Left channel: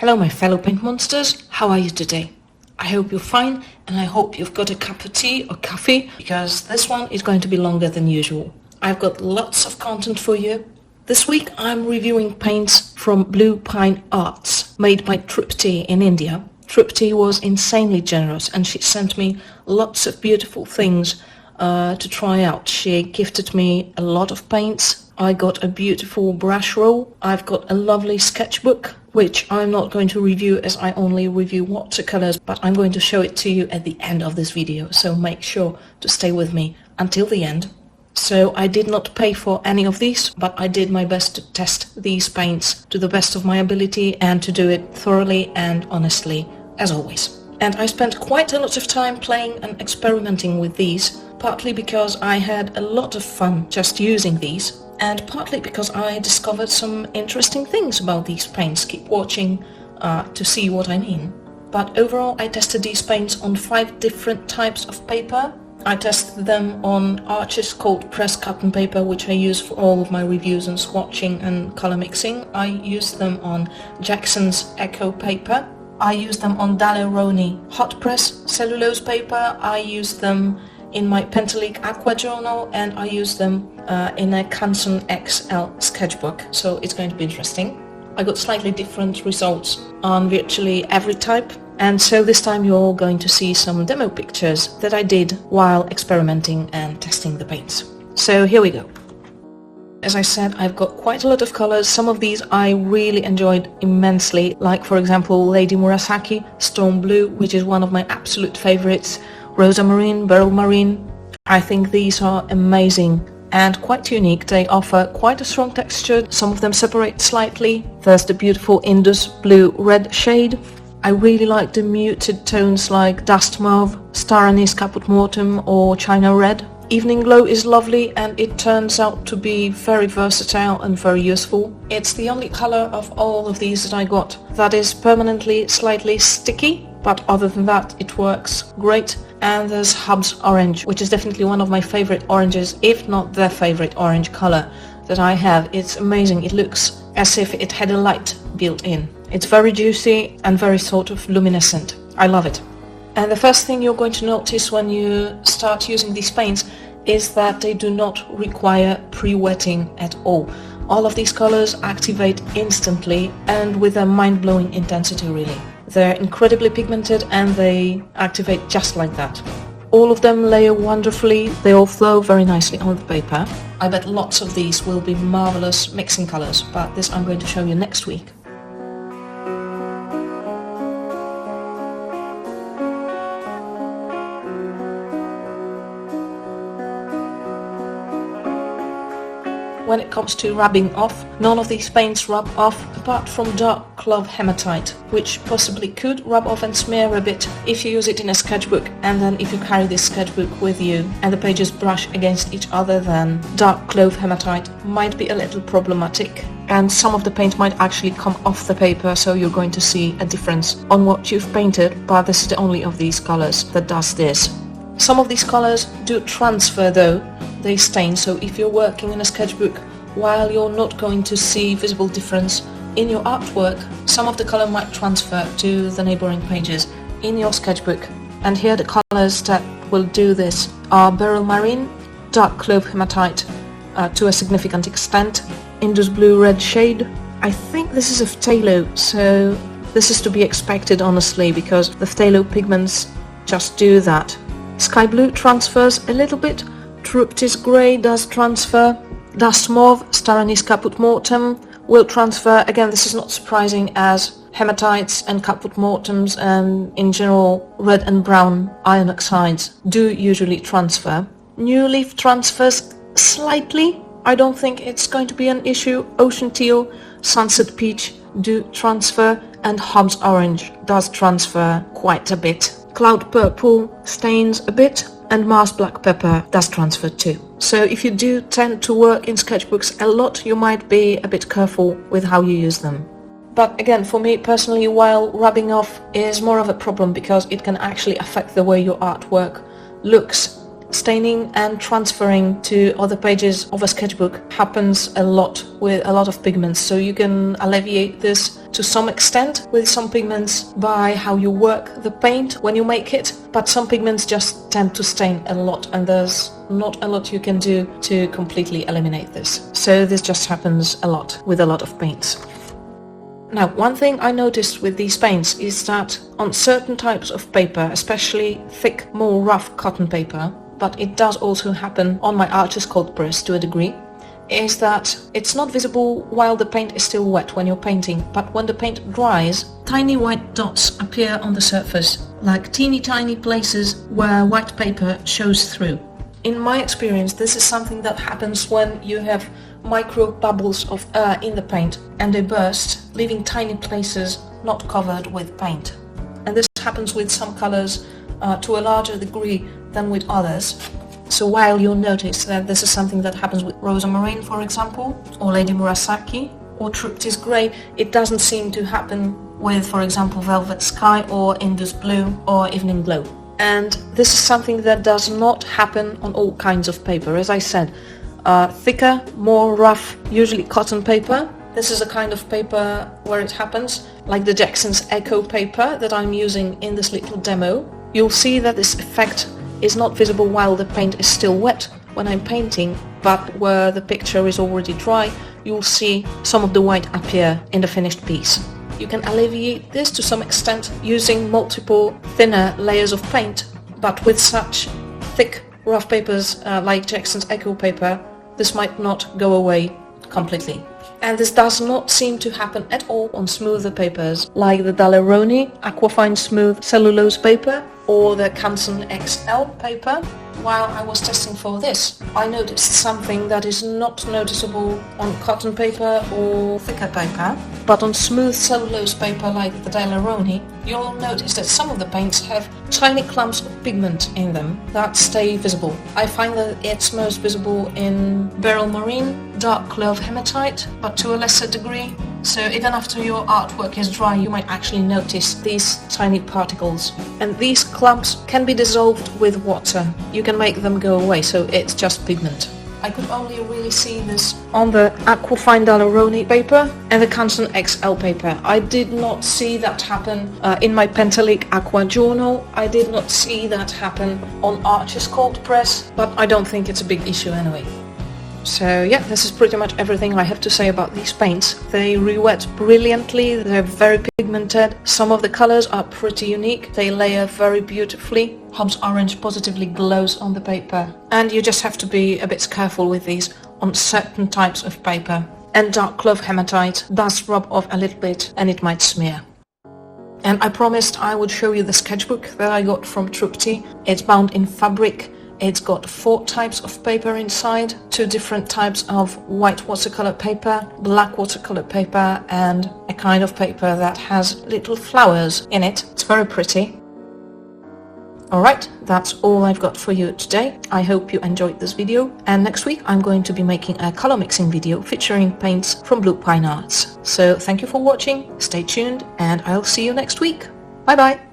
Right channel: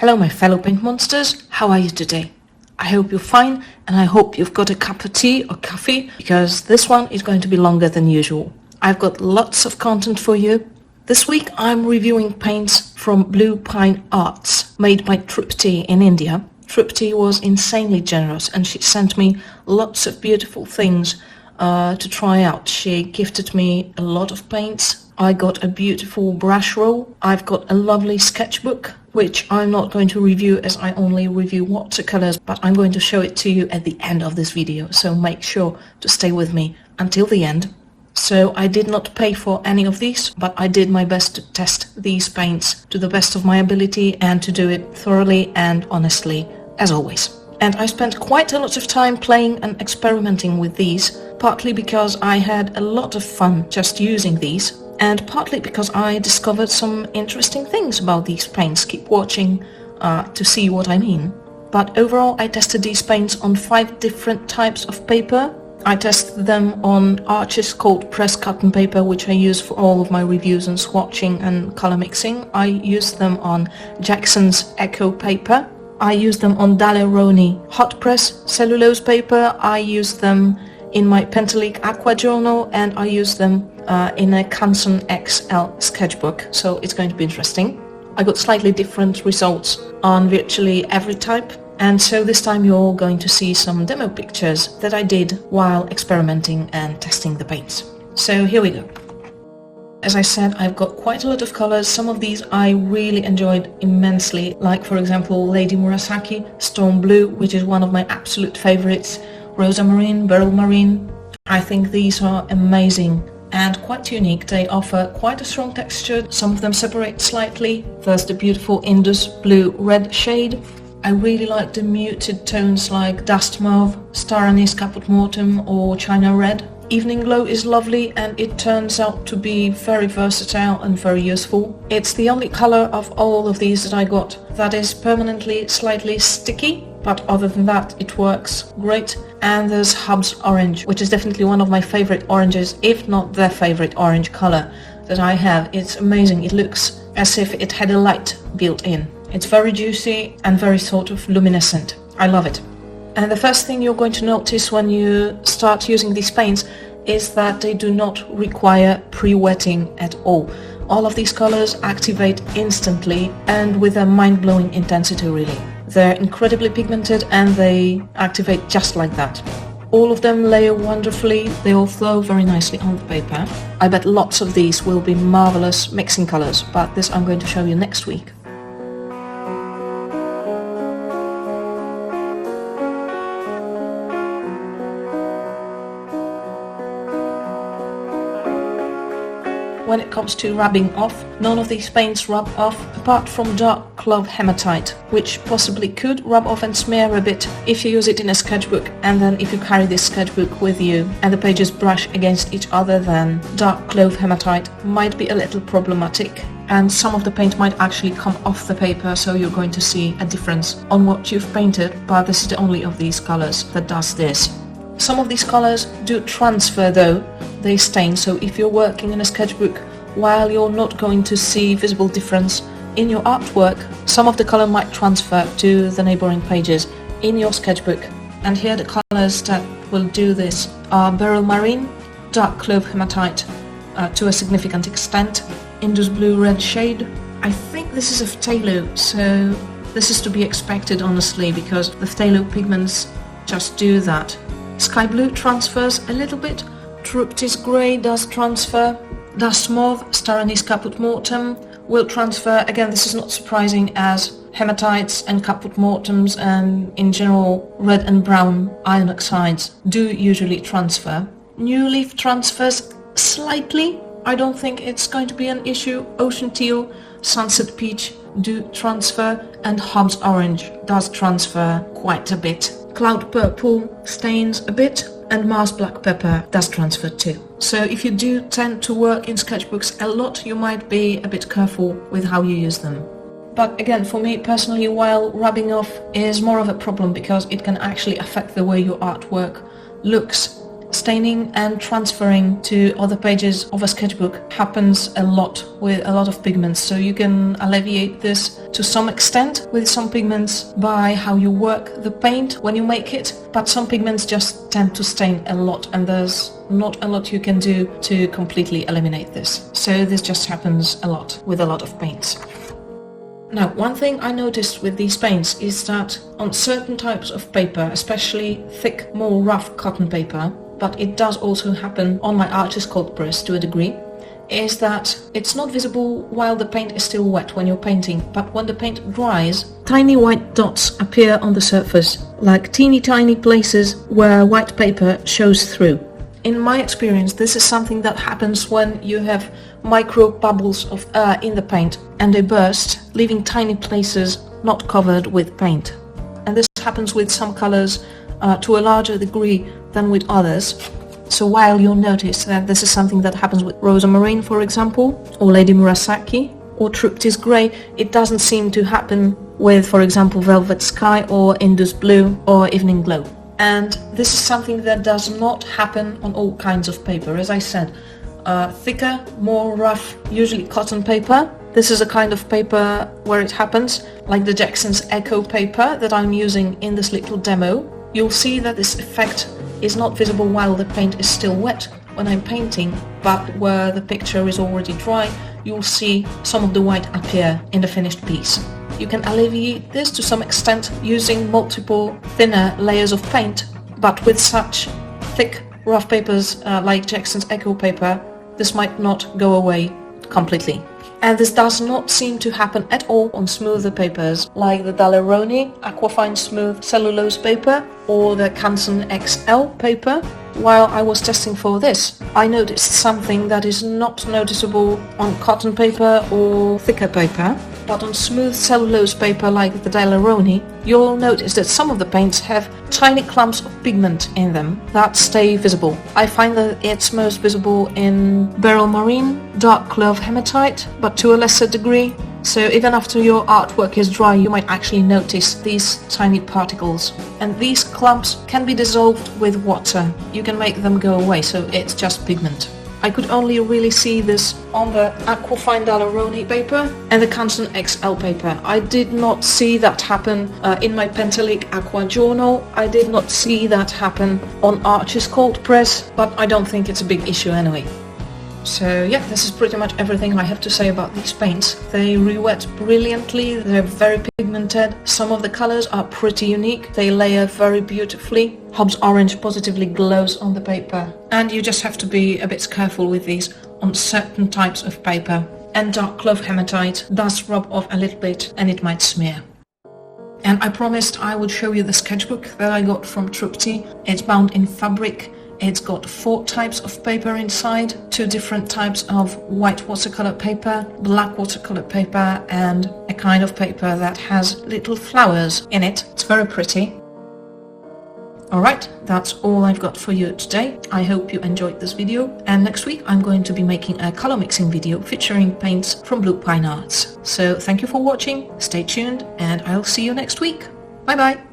Hello my fellow paint monsters, how are you today? I hope you're fine and I hope you've got a cup of tea or coffee because this one is going to be longer than usual. I've got lots of content for you. This week I'm reviewing paints from Blue Pine Arts made by Trupti in India. Trupti was insanely generous and she sent me lots of beautiful things to try out. She gifted me a lot of paints. I got a beautiful brush roll. I've got a lovely sketchbook, which I'm not going to review as I only review watercolors, but I'm going to show it to you at the end of this video, so make sure to stay with me until the end. So I did not pay for any of these, but I did my best to test these paints to the best of my ability and to do it thoroughly and honestly, as always. And I spent quite a lot of time playing and experimenting with these, partly because I had a lot of fun just using these, and partly because I discovered some interesting things about these paints. Keep watching to see what I mean. But overall I tested these paints on 5 different types of paper. I tested them on Arches called pressed cotton paper, which I use for all of my reviews and swatching and color mixing. I used them on Jackson's Echo paper. I used them on Daleroni hot press cellulose paper. I used them in my Pentalique Aqua journal, and I used them in a Canson XL sketchbook, so it's going to be interesting. I got slightly different results on virtually every type, and so this time you're going to see some demo pictures that I did while experimenting and testing the paints. So here we go. As I said, I've got quite a lot of colors. Some of these I really enjoyed immensely, like for example Lady Murasaki, Storm Blue, which is one of my absolute favorites, Rosa Marine, Beryl Marine. I think these are amazing and quite unique. They offer quite a strong texture. Some of them separate slightly. There's the beautiful Indus Blue Red shade. I really like the muted tones like Dust Mauve, Star Anise Caput Mortem or China Red. Evening Glow is lovely and it turns out to be very versatile and very useful. It's the only color of all of these that I got that is permanently slightly sticky, but other than that it works great. And there's Hub's Orange, which is definitely one of my favorite oranges, if not the favorite orange color that I have. It's amazing. It looks as if it had a light built in. It's very juicy and very sort of luminescent. I love it. And the first thing you're going to notice when you start using these paints is that they do not require pre-wetting at all. All of these colors activate instantly and with a mind-blowing intensity really. They're incredibly pigmented and they activate just like that. All of them layer wonderfully, they all flow very nicely on the paper. I bet lots of these will be marvelous mixing colors, but this I'm going to show you next week. When it comes to rubbing off, none of these paints rub off apart from Dark Clove Hematite, which possibly could rub off and smear a bit if you use it in a sketchbook, and then if you carry this sketchbook with you and the pages brush against each other, then Dark Clove Hematite might be a little problematic and some of the paint might actually come off the paper, so you're going to see a difference on what you've painted, but this is the only of these colors that does this. Some of these colors do transfer though, they stain, so if you're working in a sketchbook, while you're not going to see visible difference in your artwork, some of the color might transfer to the neighboring pages in your sketchbook. And here the colors that will do this are Beryl Marine, Dark Clove Hematite to a significant extent, Indus Blue Red shade. I think this is a phthalo, so this is to be expected honestly, because the phthalo pigments just do that. Sky Blue transfers a little bit, Trupti's Grey does transfer, Dust Mauve, Star Anise Caput Mortem will transfer. Again, this is not surprising as hematites and Caput Mortems and in general red and brown iron oxides do usually transfer. New Leaf transfers slightly. I don't think it's going to be an issue. Ocean Teal, Sunset Peach do transfer, and Hub's Orange does transfer quite a bit. Cloud Purple stains a bit, and Mars Black Pepper does transfer too. So if you do tend to work in sketchbooks a lot, you might be a bit careful with how you use them. But again, for me personally, while rubbing off is more of a problem because it can actually affect the way your artwork looks staining and transferring to other pages of a sketchbook happens a lot with a lot of pigments, so you can alleviate this to some extent with some pigments by how you work the paint when you make it, but some pigments just tend to stain a lot, and there's not a lot you can do to completely eliminate this. So this just happens a lot with a lot of paints. Now, one thing I noticed with these paints is that on certain types of paper, especially thick, more rough cotton paper, but it does also happen on my artist cold press to a degree, is that it's not visible while the paint is still wet when you're painting, but when the paint dries, tiny white dots appear on the surface, like teeny tiny places where white paper shows through. In my experience, this is something that happens when you have micro bubbles of air in the paint and they burst, leaving tiny places not covered with paint. And this happens with some colors to a larger degree than with others. So while you'll notice that this is something that happens with Rosamarine, for example, or Lady Murasaki, or Trupti's Grey, it doesn't seem to happen with, for example, Velvet Sky or Indus Blue or Evening Glow. And this is something that does not happen on all kinds of paper. As I said, thicker, more rough, usually cotton paper. This is a kind of paper where it happens, like the Jackson's Echo paper that I'm using in this little demo. You'll see that this effect is not visible while the paint is still wet when I'm painting, but where the picture is already dry, you'll see some of the white appear in the finished piece. You can alleviate this to some extent using multiple thinner layers of paint, but with such thick rough papers like Jackson's Echo paper, this might not go away completely. And this does not seem to happen at all on smoother papers like the Daleroni Aquafine Smooth Cellulose paper or the Canson XL paper. While I was testing for this, I noticed something that is not noticeable on cotton paper or thicker paper, but on smooth cellulose paper like the Daleroni, you'll notice that some of the paints have tiny clumps of pigment in them that stay visible. I find that it's most visible in Beryl Marine, Dark Clove Hematite, but to a lesser degree. So even after your artwork is dry, you might actually notice these tiny particles. And these clumps can be dissolved with water. You can make them go away, so it's just pigment. I could only really see this on the Aquafine Daleroni paper and the Canson XL paper. I did not see that happen in my Pentalic Aqua Journal. I did not see that happen on Archie's Cold Press, but I don't think it's a big issue anyway. So yeah, this is pretty much everything I have to say about these paints. They re-wet brilliantly, they're very pigmented, some of the colors are pretty unique, they layer very beautifully. Hobbs Orange positively glows on the paper, and you just have to be a bit careful with these on certain types of paper. And Dark Clove Hematite does rub off a little bit and it might smear. And I promised I would show you the sketchbook that I got from Trupti. It's bound in fabric. It's got 4 types of paper inside, 2 different types of white watercolor paper, black watercolor paper, and a kind of paper that has little flowers in it. It's very pretty. Alright, that's all I've got for you today. I hope you enjoyed this video, and next week I'm going to be making a color mixing video featuring paints from Blue Pine Arts. So thank you for watching, stay tuned, and I'll see you next week. Bye bye!